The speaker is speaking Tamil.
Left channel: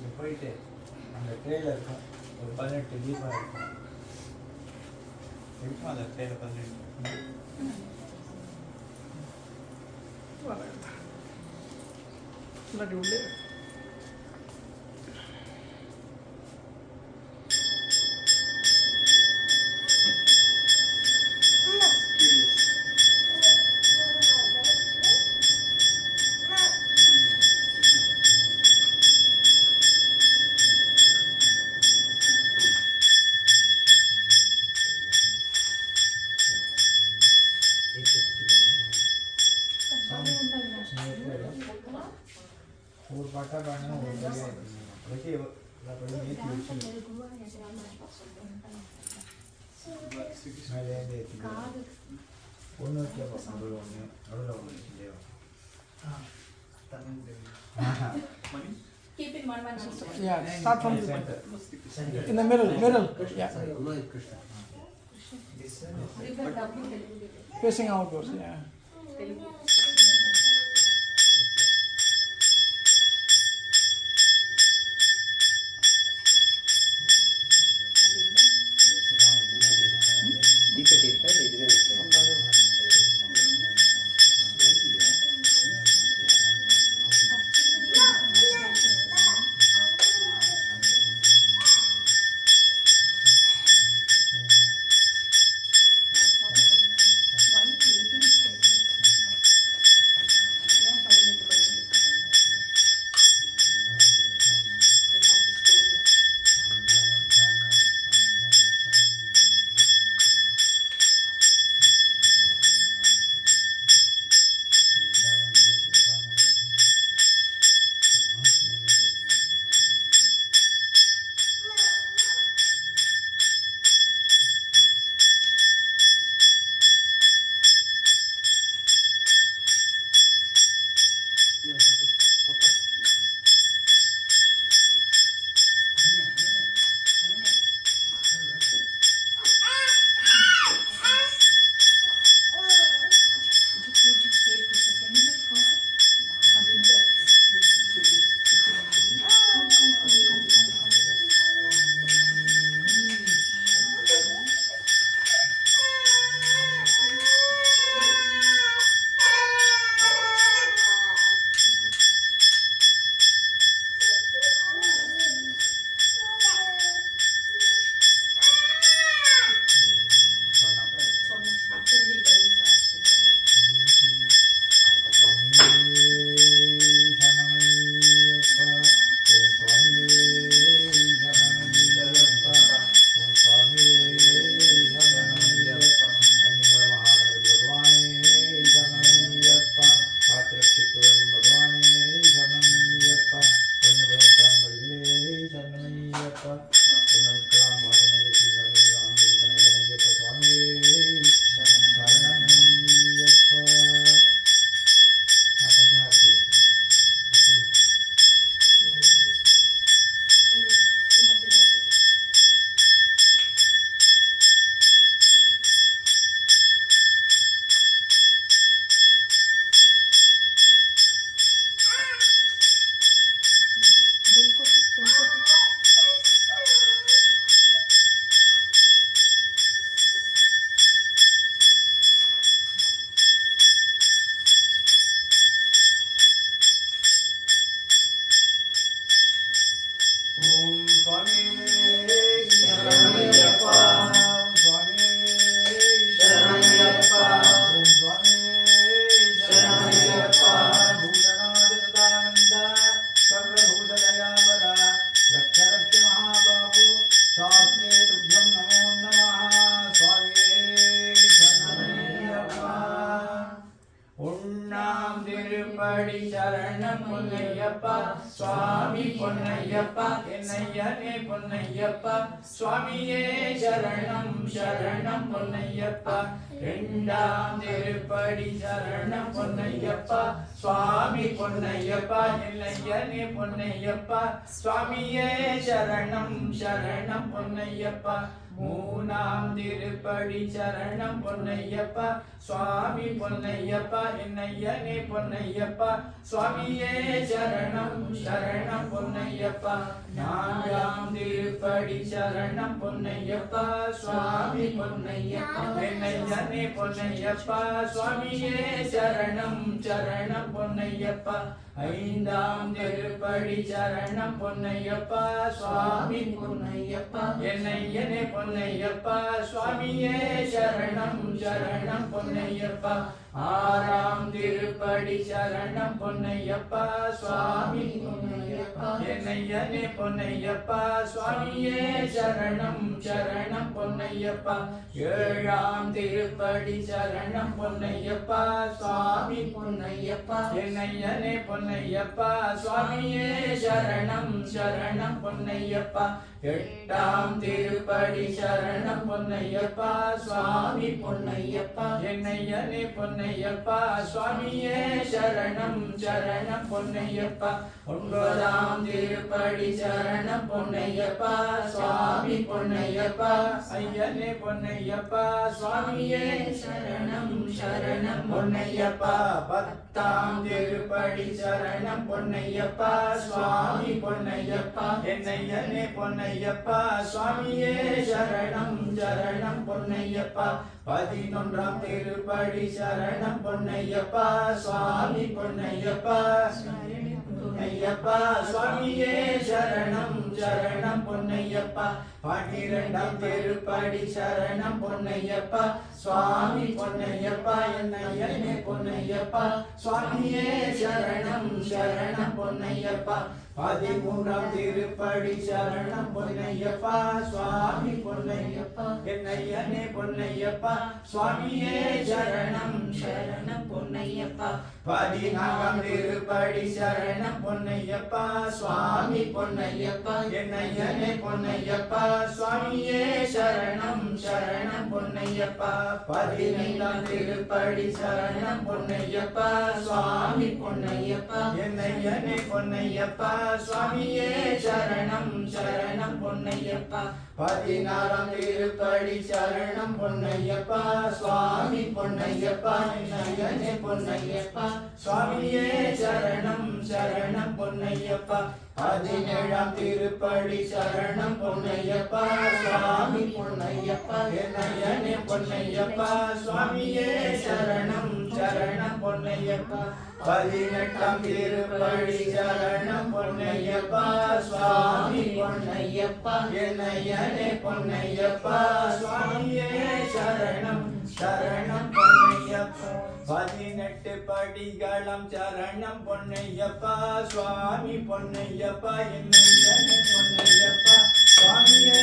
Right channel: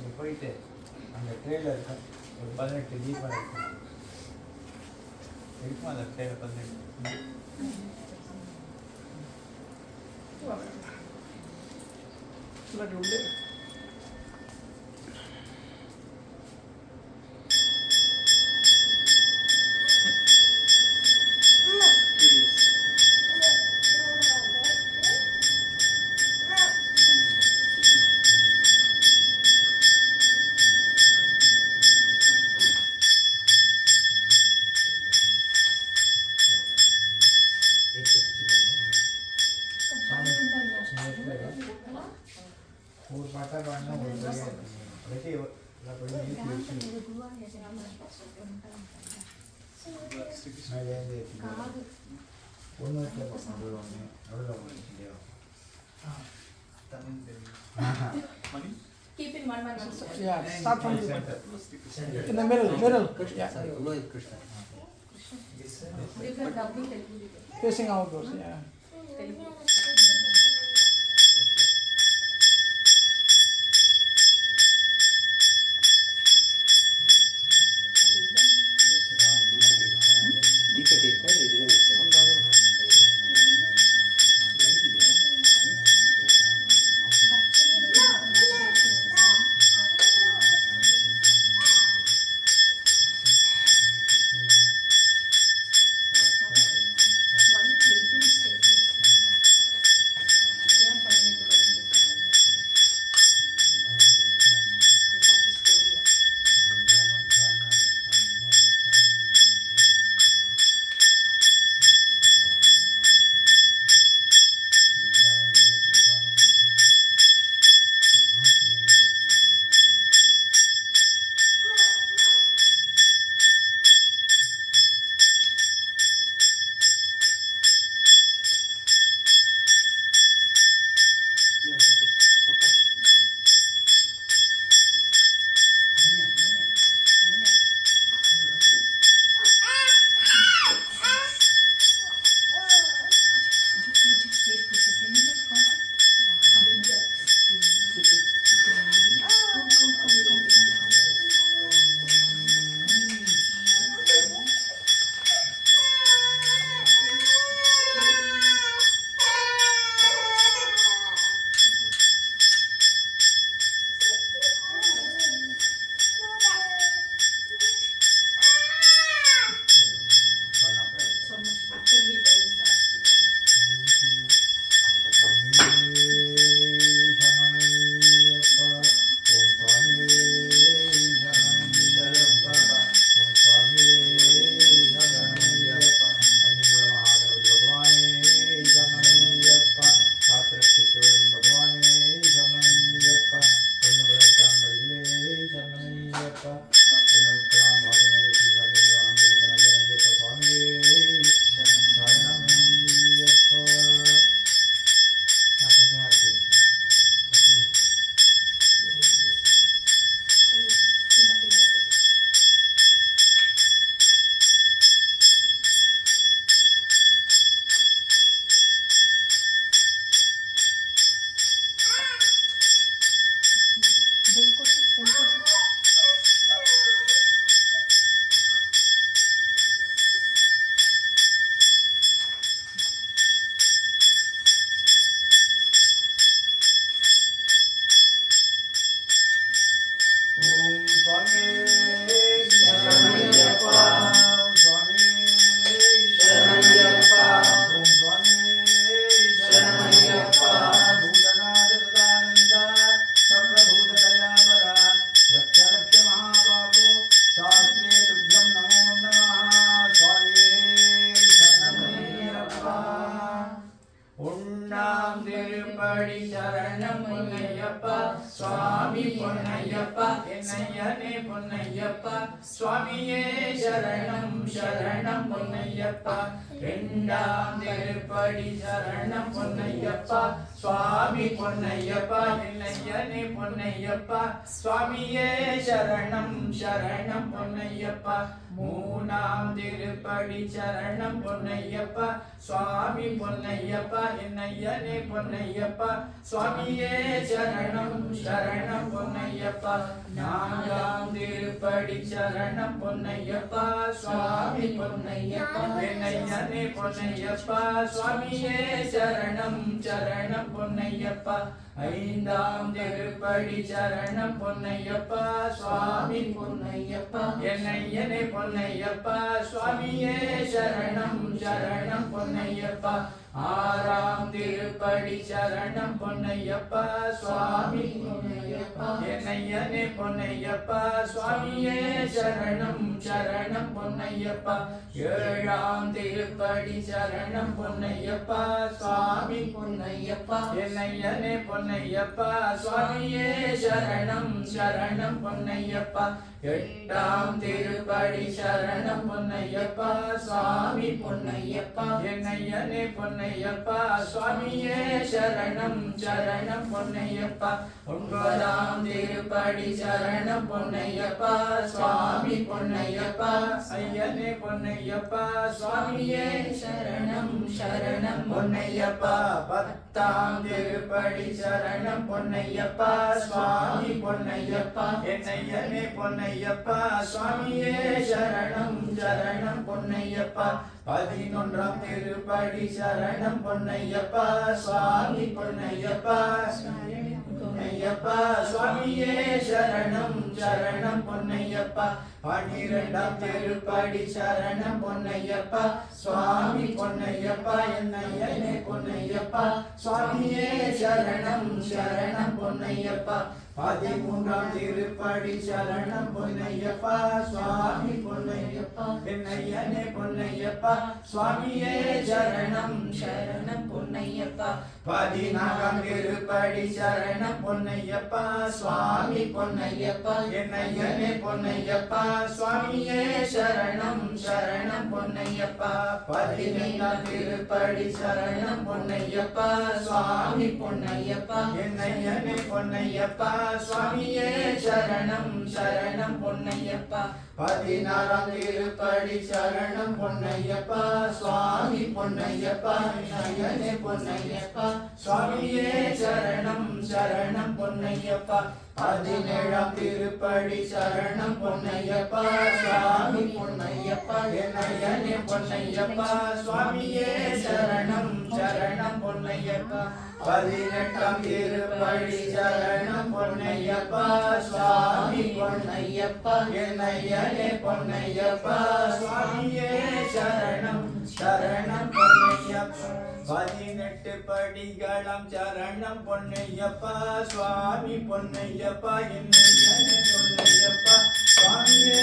அங்கே போயிட்டு அந்த ட்ரெயில இருக்கும் ஒரு 18 தீபம் இருக்கும். இருக்குமா அந்த ட்ரெயில 18? இல்லாட்டி உள்ளே ஒரு பாட்டா பாடினா ஒரு வழியாக வச்சு எல்லா படியும் ஏற்றி வச்சு மேலேருந்து ஏற்றி ஒன்று வச்சு நடுவில் ஒன்று நடுவில் ஒன்று வச்சு இல்லையா? Keep in one man. Yeah, start from the Center. in the middle. Yeah, You can double Telugu. facing outwards. Yeah. சுவாமி பொன்னையப்பா என்னையனே பொன்னையப்பா சுவாமியே சரணம் சரணம் பொன்னையப்பா இரண்டாம் திருப்படி சரணம் பொன்னையப்பா சுவாமி பொன்னையப்பா என்னையனே பொன்னையப்பா சுவாமியே சரணம் சரணம் பொன்னையப்பா மூணாம் திருப்படி சரணம் பொன்னையப்பா சுவாமி பொன்னையப்பா என்னையனே பொன்னையப்பா சுவாமியே சரணம் சரணம் பொன்னையப்பா பொன்னையப்பா நான்காம் திருப்படி சரணம் பொன்னையப்பா சுவாமி பொன்னையப்பா என்னையனே பொன்னையப்பா சுவாமியே சரணம் சரணம் பொன்னையப்பா ஐந்தாம் திருப்படி சரணம் பொன்னையப்பா சுவாமி பொன்னையப்பா என்னையனே பொன்னையப்பா சுவாமியே சரணம் சரணம் பொன்னையப்பா ஆறாம் திருப்படி சரணம் பொன்னையப்பா சுவாமி பொன்னையப்பா என்னையனே பொன்னையப்பா சுவாமியே சரணம் சரணம் பொன்னையப்பா ஏழாம் திருப்படி சரணம் பொன்னையப்பா சுவாமி பொன்னையப்பா என்னையனே பொன்னையப்பா சுவாமியே சரணம் சரணம் பொன்னையப்பா எட்டாம் திருப்படி சரணம் பொன்னையப்பா சுவாமி பொன்னையப்பா என்னையனே பொன்னையப்பா சுவாமியே சரணம் சரணம் பொன்னையப்பா ஒன்பதாம் திருப்படி சரணம் பொன்னையப்பா சுவாமி பொன்னையப்பா ஐயனே பொன்னையப்பா சுவாமியே சரணம் சரணம் பொன்னையப்பா பத்தாம் திருப்படி சரணம் பொன்னையப்பா சுவாமி பொன்னையப்பா என்னையனே பொன்னையப்பா சுவாமியே சரணம் சரணம் பொன்னையப்பா பதினொன்றாம் திருப்படி சரணம் பொன்னையப்பா சுவாமி பொன்னையப்பா பொன்னையப்பா சுவாமியே சரணம் சரணம் பொன்னையப்பா பன்னிரெண்டாம் திருப்படி சரணம் பொன்னையப்பா சுவாமி பொன்னையப்பா என்னையனே பொன்னையப்பா சுவாமியே சரணம் சரணம் பொன்னையப்பா பதிமூன்றாம் திருப்படி சரணம் பொன்னையப்பா சுவாமி பொன்னையப்பா என்னையனே பொன்னையப்பா சுவாமியே சரணம் சரணம் பொன்னையப்பா பதினாறாம் திருப்படி சரணம் பொன்னையப்பா சுவாமி பொன்னையப்பா என்னையனே பொன்னையப்பா சுவாமியே சரணம் சரணம் பொன்னையப்பா பதினைந்தாம் திருப்படி சரணம் பொன்னையப்பா சுவாமி பொன்னையப்பா என்னையனே பொன்னையப்பா சுவாமியே சரணம் சரணம் பொன்னையப்பா பதினாறாம் திருப்படி சரணம் பொன்னையப்பா சுவாமி பொன்னையப்பா என்னையனே பொன்னையப்பா சுவாமியே சரணம் சரணம் பொன்னையப்பா பதினேழாம் திருப்படி சரணம் பொன்னையப்பா சுவாமி பொன்னையப்பா என்னையனே பொன்னையப்பா சுவாமியே சரணம் சரணம் பொன்னையப்பா பதினெட்டாம் திருப்படி சரணம் பொன்னையப்பா சுவாமி பொன்னையப்பா என்னையனே பொன்னையப்பா சுவாமியே சரணம் சரணம் பொன்னையப்பா பதினெட்டு படிகளம் சரணம் பொன்னையப்பா சுவாமி பொன்னையப்பா என்னையனே பொன்னையப்பா சுவாமியே